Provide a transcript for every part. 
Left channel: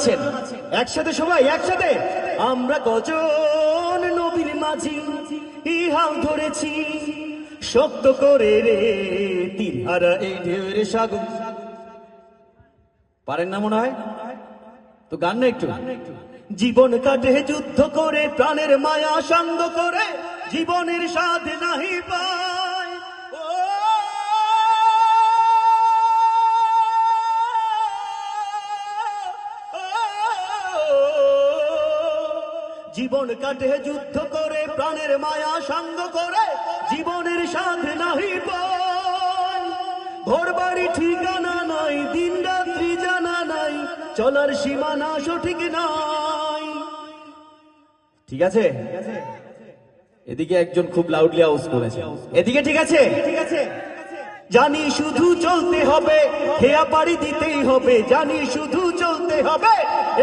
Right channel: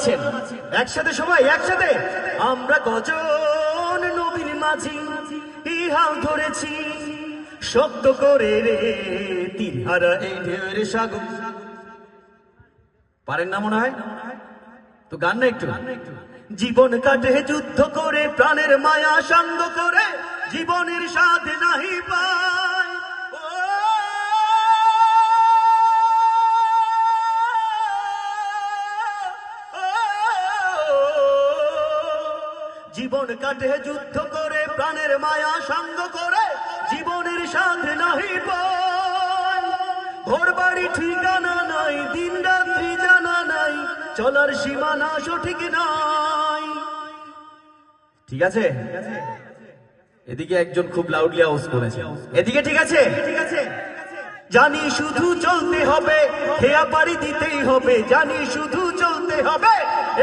আছেন? একসাথে সবাই একসাথে। আমরা কজন নবীর মাঝি হাল ধরেছি শক্ত করে রে তীরহারা এই ঢেউয়ের সাগর। পারেন না মনে হয়? তো গান না একটু। জীবন কাটে যুদ্ধ করে প্রাণের মায়া সঙ্গ করে জীবনের স্বাদ নাহি পায়। জীবন কাটে যুদ্ধ করে প্রাণের মায়া সঙ্গ করে জীবনের স্বাদ নাহি পায়। ঘর বাড়ি ঠিকানা নাই, দিন রাত্রি জানা নাই, চলার সীমানা সঠিক নাই। ঠিক আছে? এদিকে একজন খুব লাউডলি আওয়াজ করেছে, এদিকে ঠিক আছে? জানি শুধু চলতে হবে, হেয়া পাড়ি দিতেই হবে। জানি শুধু চলতে হবে,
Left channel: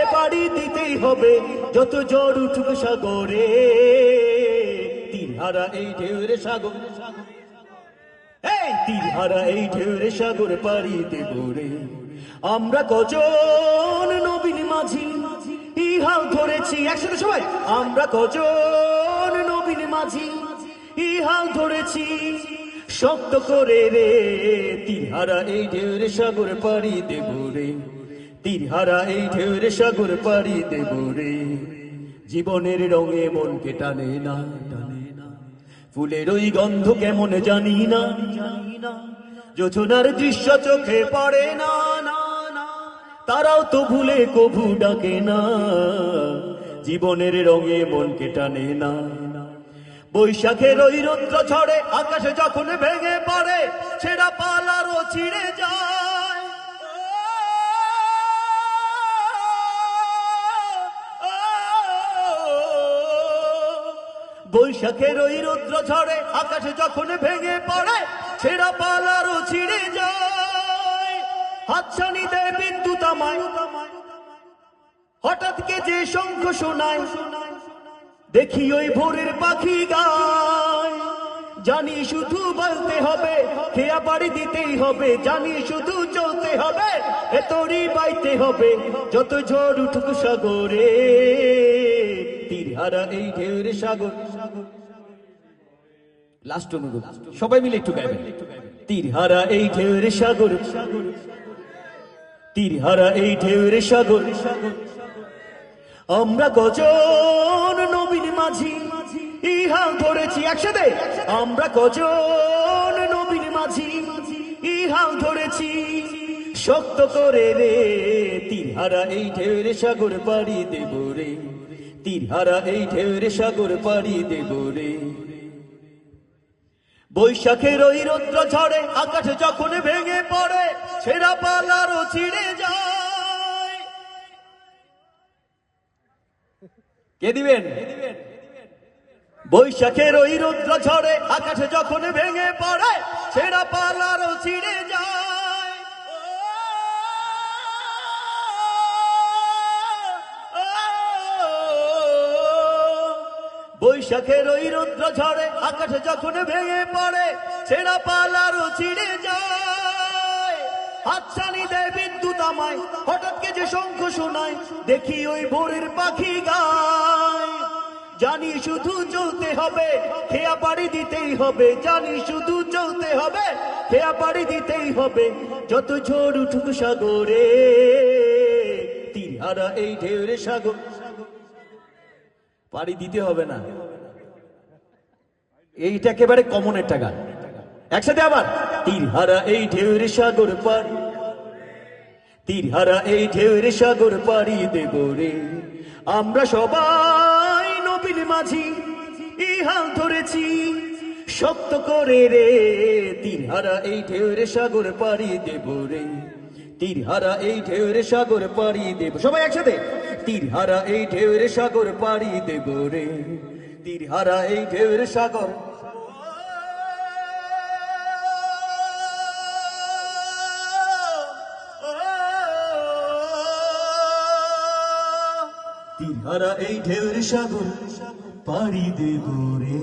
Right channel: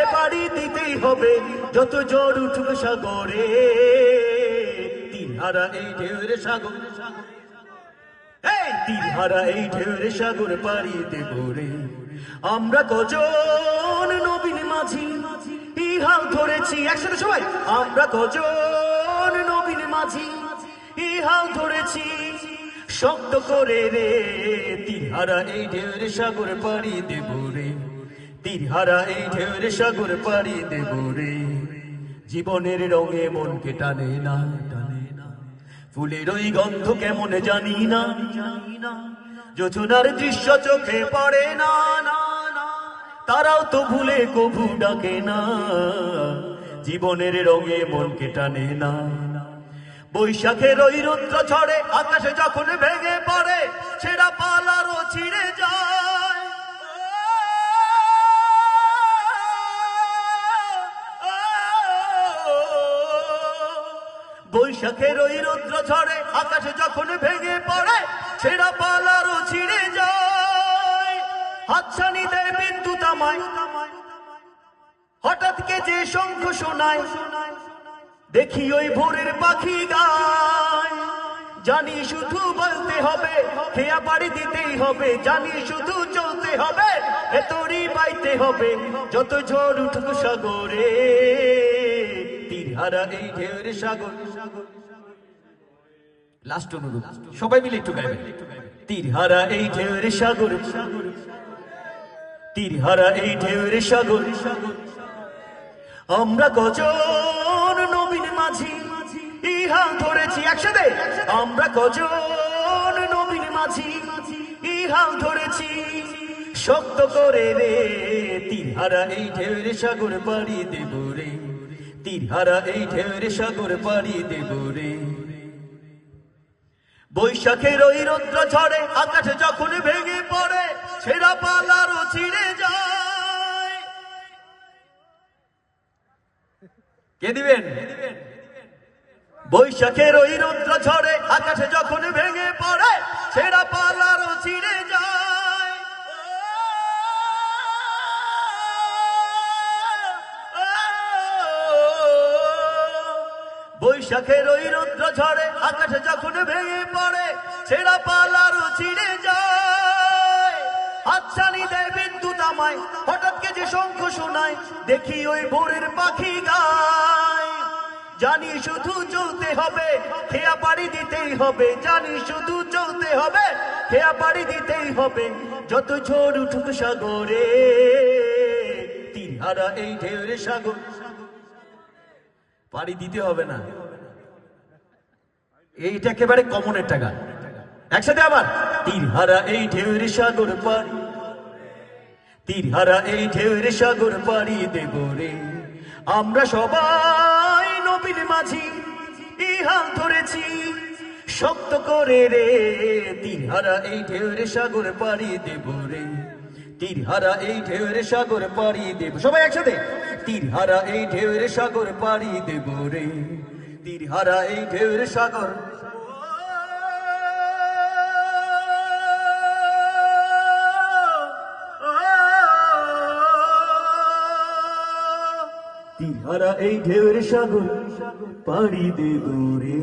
এ পাড়ি দিতেই হবে। যত জ্বর উঠুক সাগরে তীরহারা এই ঢেউয়ের সাগর। এই তীরহারা এই ঢেউয়ের সাগর পাড়ি দেব রে। আমরা কজন নবীন মাঝি হাল ধরেছি, একসাথে সবাই। আমরা কজন নবীন মাঝি হাল ধরেছি শক্ত করে রে তীরহারা এই ঢেউয়ের সাগর পাড়ি দেব রে। তীরহারা এই ঢেউয়ের সাগর পাড়ি দেব রে। জীবনের রঙে মনকে টানে না, টানে না। ফুলের ওই গন্ধ কেমন জানি না, যোজনার দৃশ্য চোখে পড়ে না, না না। তারাও তো ভুলে কভু ডাকে না। জীবনের রঙে মনকে টানে না। বৈশাখের ওই রৌদ্র ঝড়ে আকাশে যখন ভেঙে পড়ে ছেঁড়া পালারও ছিঁড়ে যায়। বৈশাখের ওই রৌদ্র ঝড়ে আকাশে যখন ভেঙে পড়ে ছেঁড়া পালারও ছিঁড়ে যায়। হাতছানি দেয় বিদ্যুৎ আমায়, হঠাৎ কে যে শঙ্খ শোনায়, দেখি ওই ভোরের পাখি গায়। জানি শুধু বলতে হবে, খেয়া পাড়ি দিতেই হবে। জানি শুধু চলতে হবে, এ তরি বাইতে হবে। যত ঝড় উঠুক সাগরে তীরহারা এই ঢেউয়ের সাগর। লাস্ট অনুরোধ, সবাই মিলে একটু গাইবেন। তীরহারা এই ঢেউয়ের সাগর, তীরহারা এই ঢেউয়ের সাগর। আমরা কজন নবীন মাঝি হাল ধরেছি, একসাথে। আমরা কজন নবীন মাঝি হাল ধরেছি শক্ত করে রে তীরহারা এই ঢেউয়ের সাগর পাড়ি দেব রে। তীরহারা এই ঢেউয়ের সাগর পাড়ি দেব রে। বৈশাখের ওই রৌদ্র ঝড়ে আকাশে যখন ভেঙে পড়ে ছেঁড়া পালারও ছিঁড়ে যায়। কে দিবেন? বৈশাখের ওই রৌদ্র ঝড়ে আকাশে যখন ভেঙে পড়ে ছেঁড়া পালারও ছিঁড়ে যায়। বৈশাখের ওই রৌদ্র ঝড়ে আকাশে যখন ভেঙে পড়ে ছেঁড়া পালারও ছিঁড়ে যায়। হাতছানি দেয় বিদ্যুৎ আমায়, হঠাৎ কে যে শঙ্খ শোনায়, দেখি ওই ভোরের পাখি গায়। জানি শুধু চলতে হবে, খেয়া পাড়ি দিতেই হবে। জানি শুধু চলতে হবে, খেয়া পাড়ি দিতেই হবে। যত ঝড় উঠুক সাগরে তীরহারা এই ঢেউয়ের সাগর। পাড়ি দিতে হবে না, এইটা একেবারে কমন একটা গান। একসাথে আবার। তীরহারা এই ঢেউয়ের সাগর পাড়ি, তীরহারা এই ঢেউয়ের সাগর পাড়ি দেব রে। আমরা সবাই নবীন মাঝি হাল ধরেছি শক্ত করে রে তীরহারা এই ঢেউয়ের সাগর পাড়ি দেব রে। তীরহারা এই ঢেউয়ের সাগর পাড়ি দেব, সবাই একসাথে। তীরহারা এই ঢেউয়ের সাগর পাড়ি দেব রে। তীরহারা এই ঢেউয়ের সাগর। তীরহারা এই ঢেউয়ের সাগর পাড়ি দেব রে।